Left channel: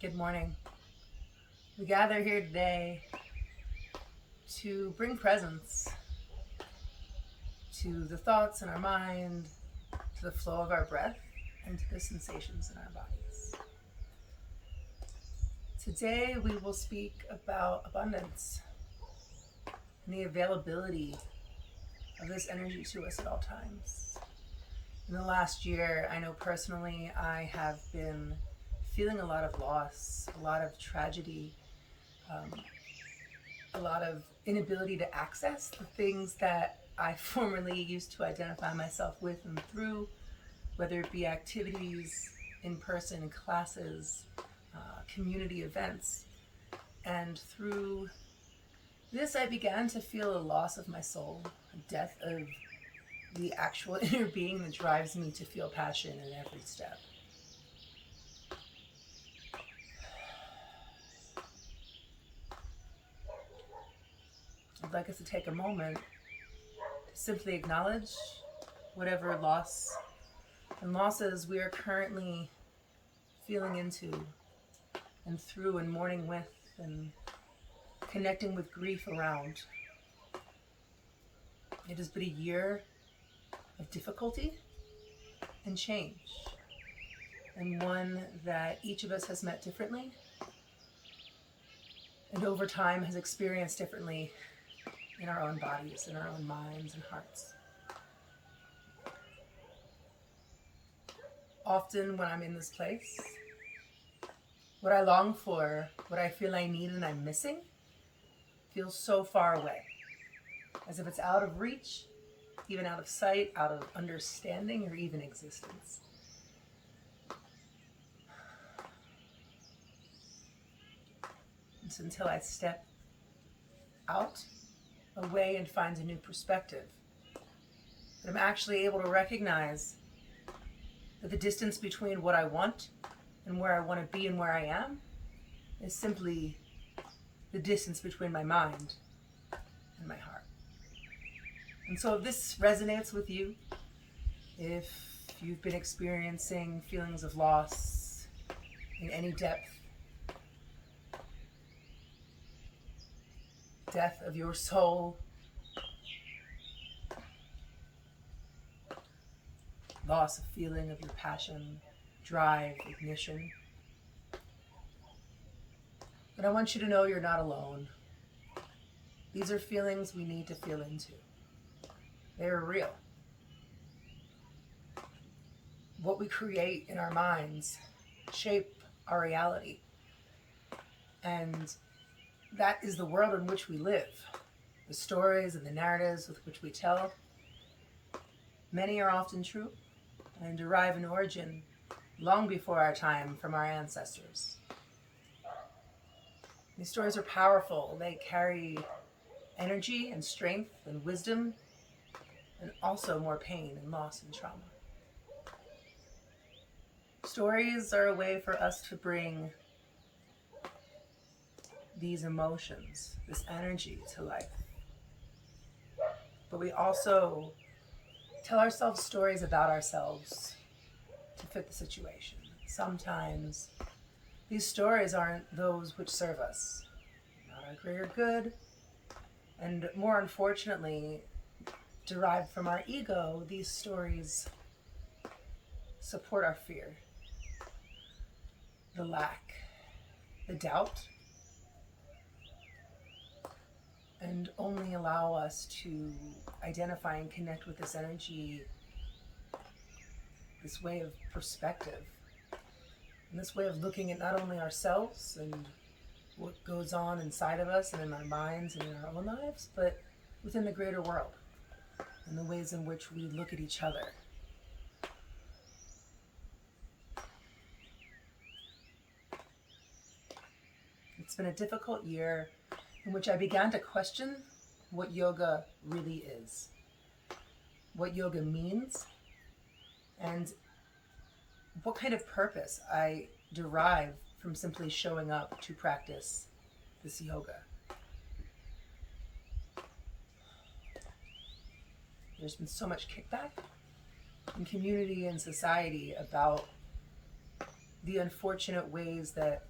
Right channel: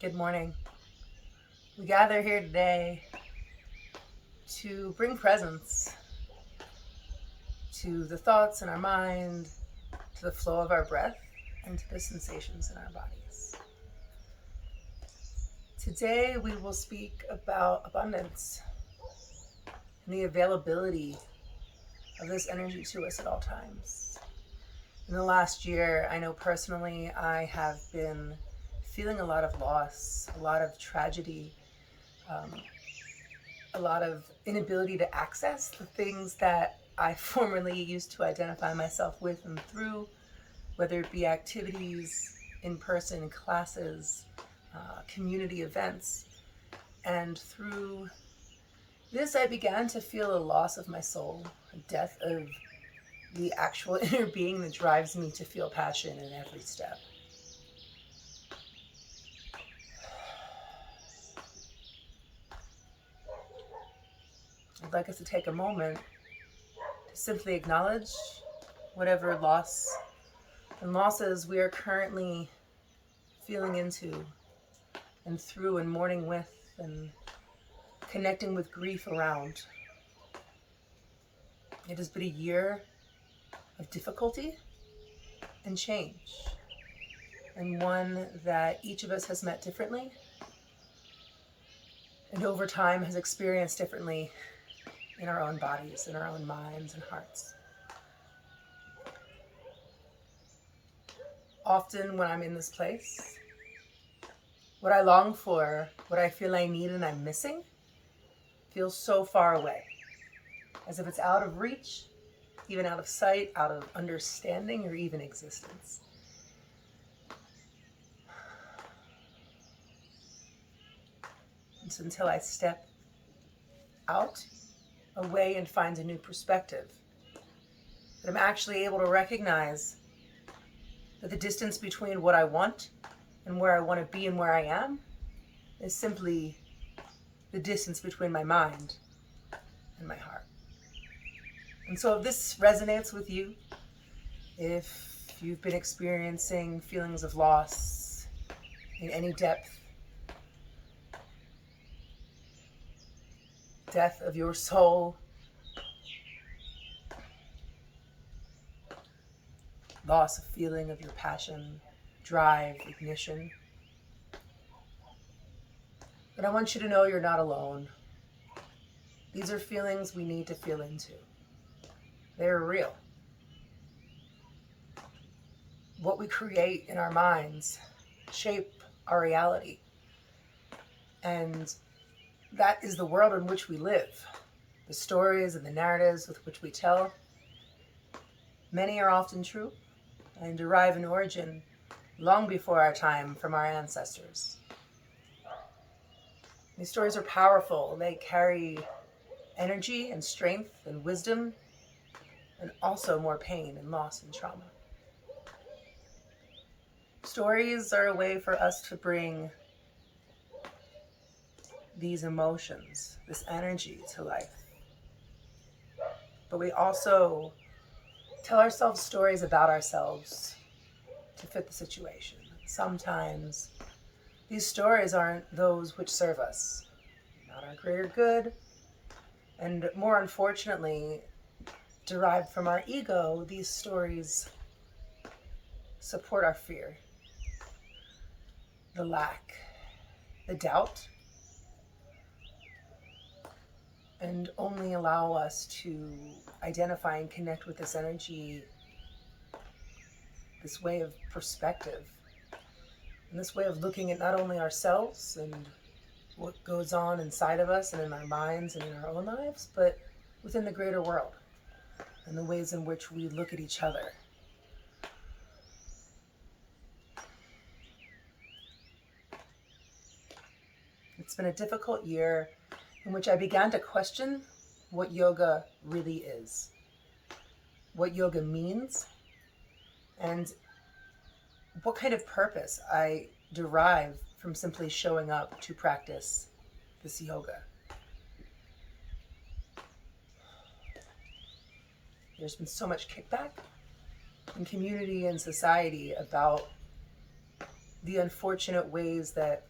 Good morning. We gather here today to bring presence to the thoughts in our mind, to the flow of our breath, and to the sensations in our bodies. Today we will speak about abundance and the availability of this energy to us at all times. In the last year, I know personally I have been feeling a lot of loss, a lot of tragedy, a lot of inability to access the things that I formerly used to identify myself with and through, whether it be activities, in-person classes, community events. And through this, I began to feel a loss of my soul, a death of the actual inner being that drives me to feel passion in every step. I'd like us to take a moment to simply acknowledge whatever loss and losses we are currently feeling into and through and mourning with and connecting with grief around. It has been a year of difficulty and change, and one that each of us has met differently and over time has experienced differently in our own bodies, in our own minds and hearts. Often when I'm in this place, what I long for, what I feel I need and I'm missing, feels so far away, as if it's out of reach, even out of sight, out of understanding, or even existence. And so until I step out, away, and find a new perspective, that I'm actually able to recognize that the distance between what I want and where I want to be and where I am is simply the distance between my mind and my heart. And so if this resonates with you, if you've been experiencing feelings of loss in any depth, death of your soul, loss of feeling of your passion, drive, ignition, but I want you to know you're not alone. These are feelings we need to feel into. They're real. What we create in our minds shape our reality. And that is the world in which we live. The stories and the narratives with which we tell, many are often true and derive an origin long before our time from our ancestors. These stories are powerful. They carry energy and strength and wisdom, and also more pain and loss and trauma. Stories are a way for us to bring these emotions, this energy to life. But we also tell ourselves stories about ourselves to fit the situation. Sometimes these stories aren't those which serve us, not our greater good, and more unfortunately, derived from our ego. These stories support our fear, the lack, the doubt, and only allow us to identify and connect with this energy, this way of perspective, and this way of looking at not only ourselves and what goes on inside of us and in our minds and in our own lives, but within the greater world and the ways in which we look at each other. It's been a difficult year in which I began to question what yoga really is, what yoga means, and what kind of purpose I derive from simply showing up to practice this yoga. There's been so much kickback in community and society about the unfortunate ways that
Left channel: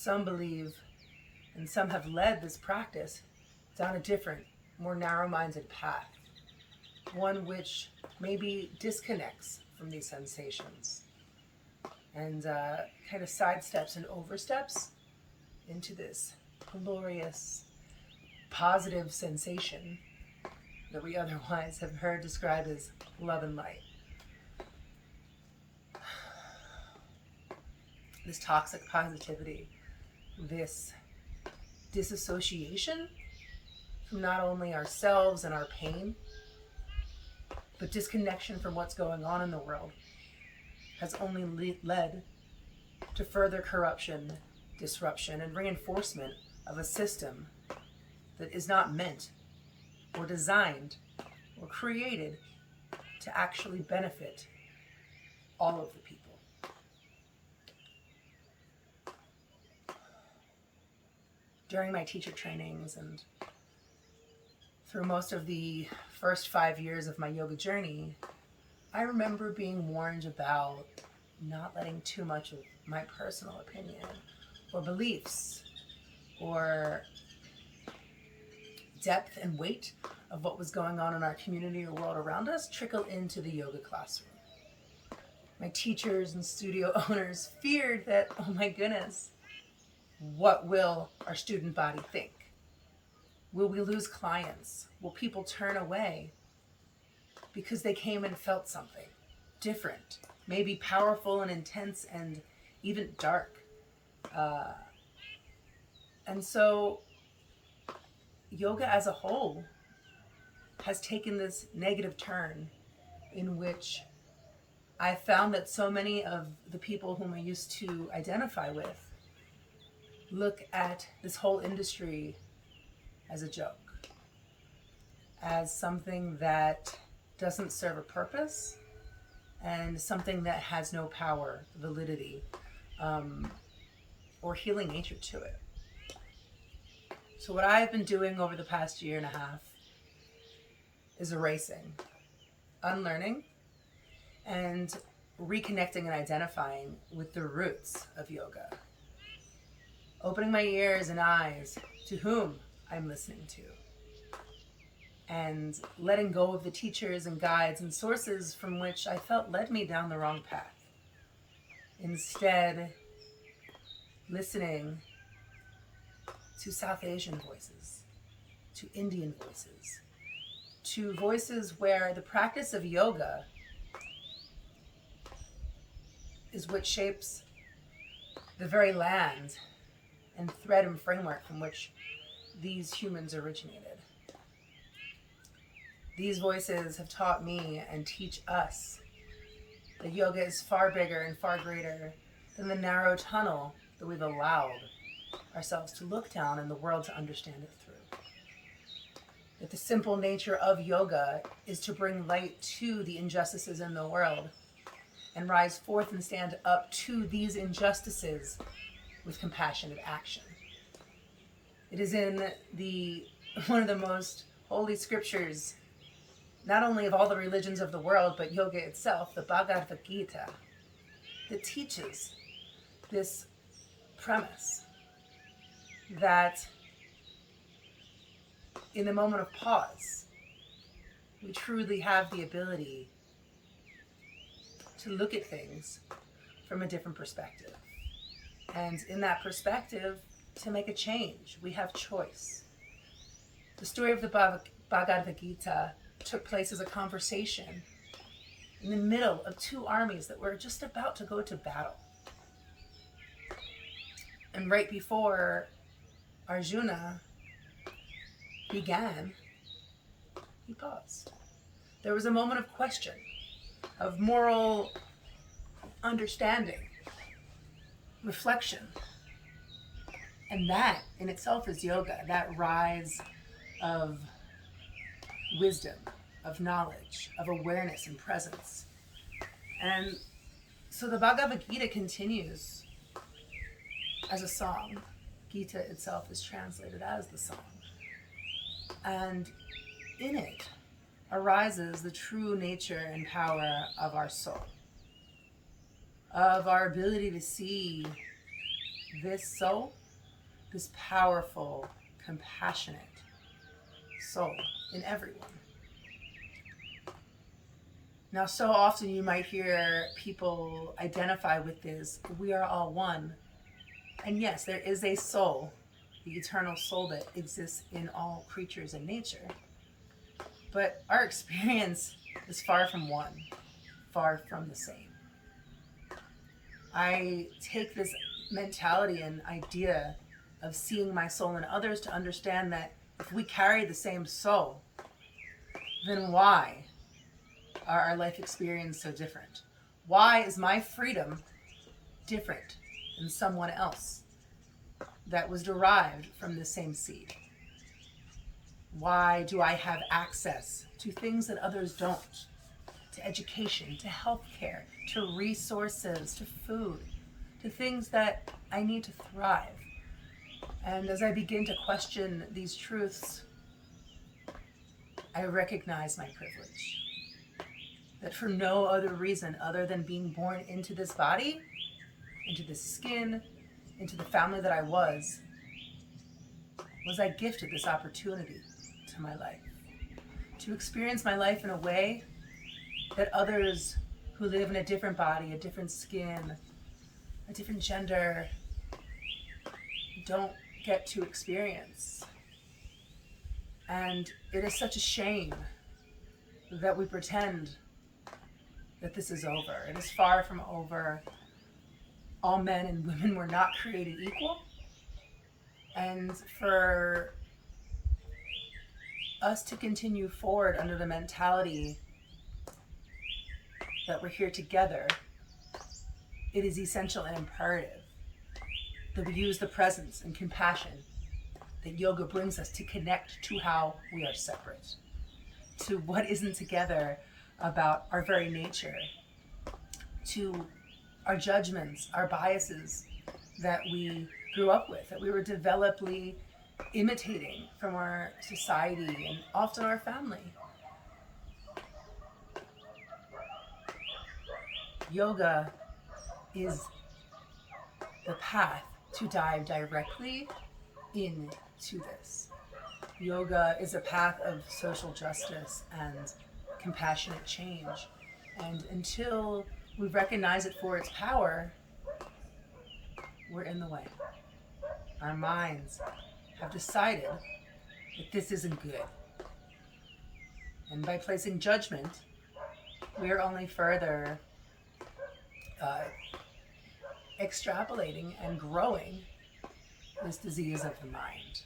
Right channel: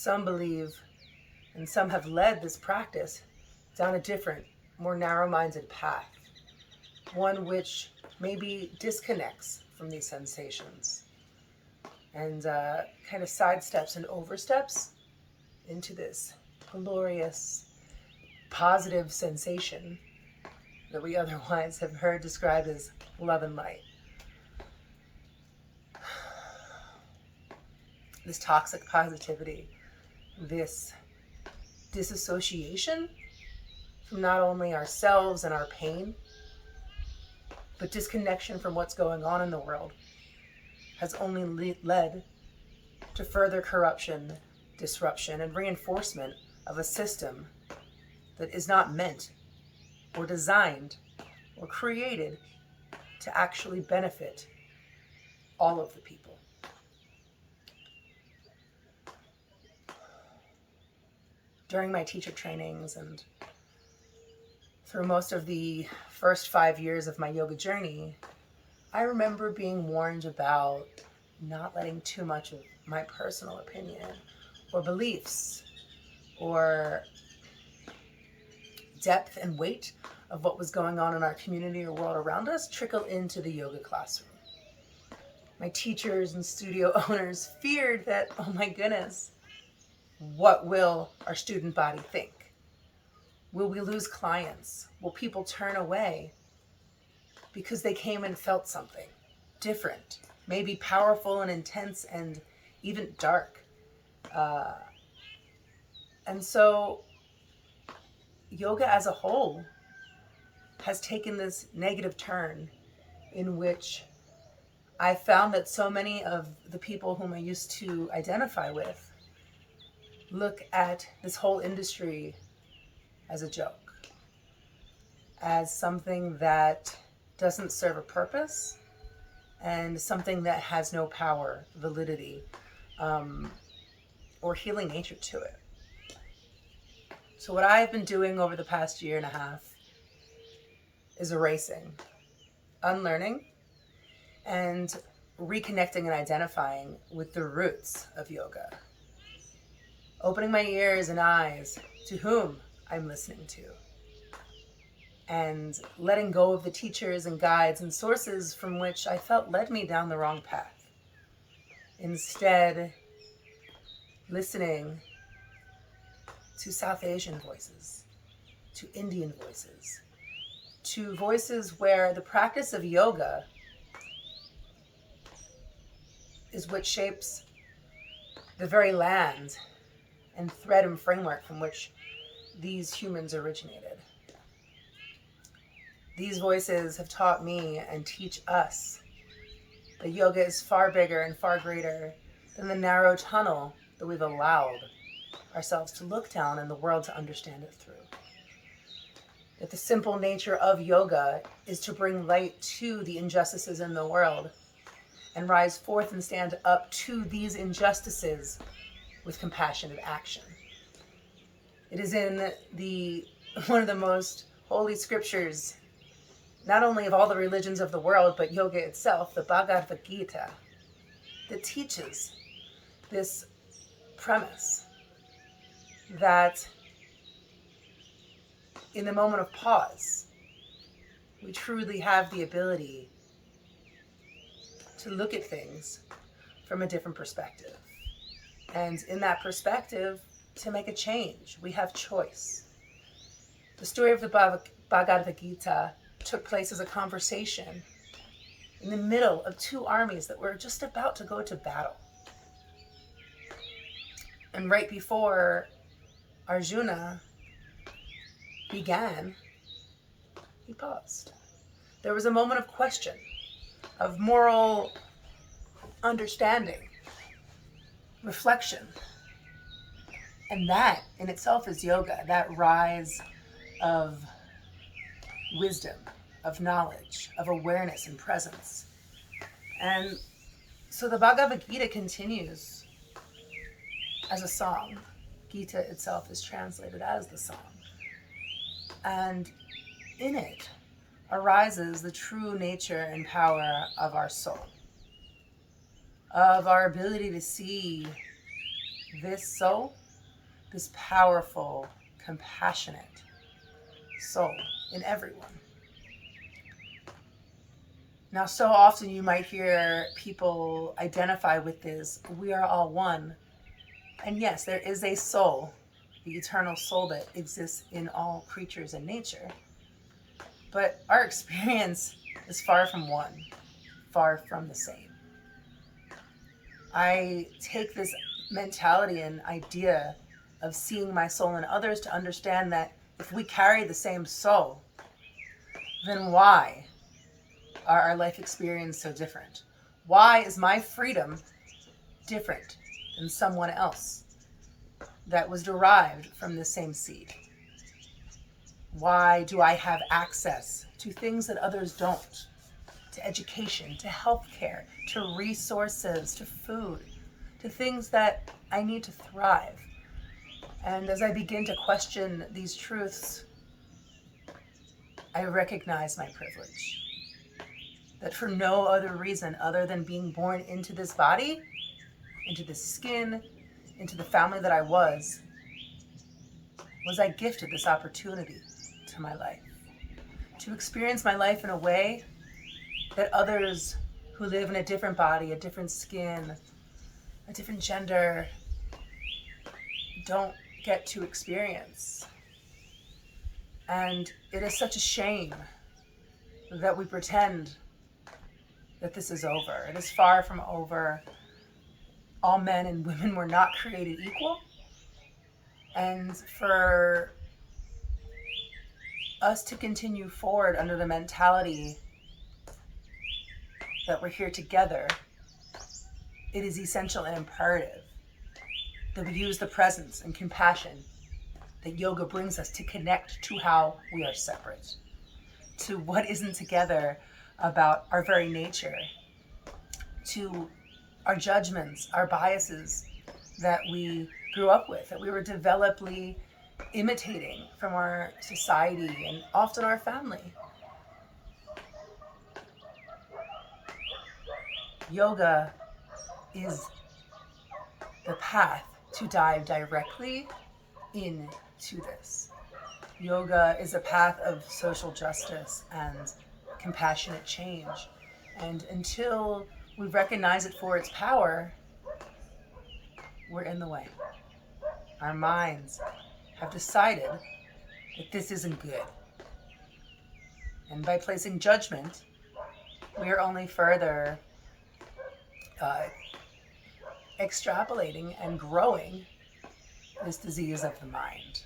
some believe, and some have led this practice down a different, more narrow-minded path, one which maybe disconnects from these sensations and kind of sidesteps and oversteps into this glorious, positive sensation that we otherwise have heard described as love and light. This toxic positivity, this disassociation from not only ourselves and our pain, but disconnection from what's going on in the world, has only led to further corruption, disruption, and reinforcement of a system that is not meant or designed or created to actually benefit all of the people. During my teacher trainings and through most of the first 5 years of my yoga journey, I remember being warned about not letting too much of my personal opinion or beliefs or depth and weight of what was going on in our community or world around us trickle into the yoga classroom. My teachers and studio owners feared that, oh my goodness, what will our student body think? Will we lose clients? Will people turn away because they came and felt something different, maybe powerful and intense and even dark? And so yoga as a whole has taken this negative turn in which I found that so many of the people whom I used to identify with look at this whole industry as a joke, as something that doesn't serve a purpose and something that has no power, validity, or healing nature to it. So what I've been doing over the past year and a half is erasing, unlearning, and reconnecting and identifying with the roots of yoga. Opening my ears and eyes to whom I'm listening to. And letting go of the teachers and guides and sources from which I felt led me down the wrong path. Instead, listening to South Asian voices, to Indian voices, to voices where the practice of yoga is what shapes the very land and thread and framework from which these humans originated. These voices have taught me and teach us that yoga is far bigger and far greater than the narrow tunnel that we've allowed ourselves to look down and the world to understand it through. That the simple nature of yoga is to bring light to the injustices in the world and rise forth and stand up to these injustices with compassionate action. It is in one of the most holy scriptures, not only of all the religions of the world, but yoga itself, the Bhagavad Gita, that teaches this premise that in the moment of pause, we truly have the ability to look at things from a different perspective. And in that perspective, to make a change, we have choice. The story of the Bhagavad Gita took place as a conversation in the middle of two armies that were just about to go to battle. And right before Arjuna began, he paused. There was a moment of question, of moral understanding, reflection. And that in itself is yoga, that rise of wisdom, of knowledge, of awareness and presence. And so the Bhagavad Gita continues as a song. Gita itself is translated as the song. And in it arises the true nature and power of our soul, of our ability to see this soul, this powerful, compassionate soul in everyone. Now, so often you might hear people identify with this, we are all one. And yes, there is a soul, the eternal soul that exists in all creatures and nature. But our experience is far from one, far from the same. I take this mentality and idea of seeing my soul in others to understand that if we carry the same soul, then why are our life experiences so different? Why is my freedom different than someone else that was derived from the same seed? Why do I have access to things that others don't? To education, to healthcare, to resources, to food, to things that I need to thrive. And as I begin to question these truths, I recognize my privilege. That for no other reason other than being born into this body, into this skin, into the family that I was I gifted this opportunity to my life. To experience my life in a way that others who live in a different body, a different skin, a different gender, don't get to experience. And it is such a shame that we pretend that this is over. It is far from over. All men and women were not created equal. And for us to continue forward under the mentality that we're here together, it is essential and imperative that we use the presence and compassion that yoga brings us to connect to how we are separate, to what isn't together about our very nature, to our judgments, our biases that we grew up with, that we were developedly imitating from our society and often our family. Yoga is the path to dive directly into this. Yoga is a path of social justice and compassionate change. And until we recognize it for its power, we're in the way. Our minds have decided that this isn't good. And by placing judgment, we are only further extrapolating and growing this disease of the mind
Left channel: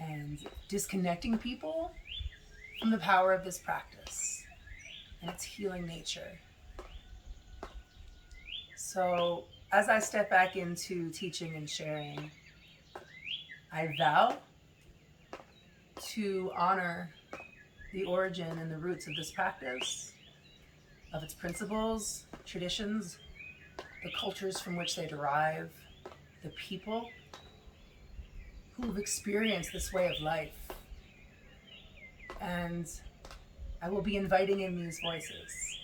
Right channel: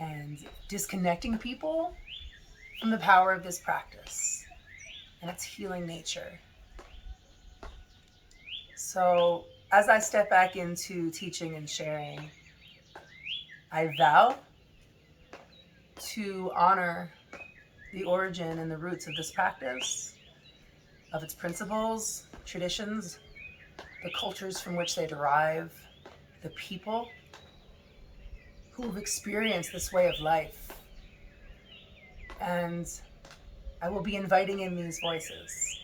and disconnecting people from the power of this practice and its healing nature. So as I step back into teaching and sharing, I vow to honor the origin and the roots of this practice, of its principles, traditions, the cultures from which they derive, the people who've experienced this way of life. And I will be inviting in these voices.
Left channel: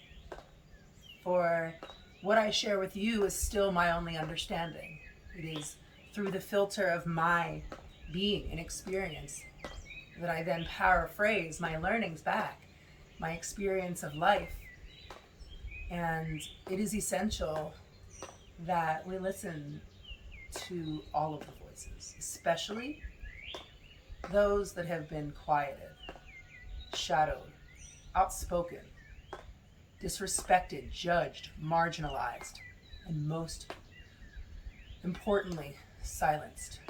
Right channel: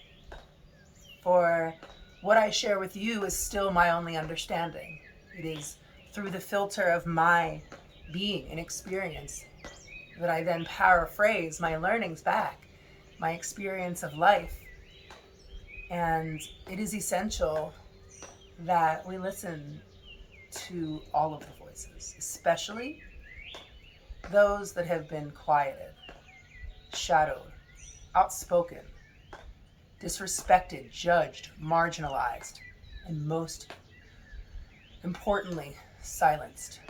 For what I share with you is still my only understanding. It is through the filter of my being and experience that I then paraphrase my learnings back, my experience of life. And it is essential that we listen to all of the voices, especially those that have been quieted, shadowed, outspoken, disrespected, judged, marginalized, and most importantly, silenced.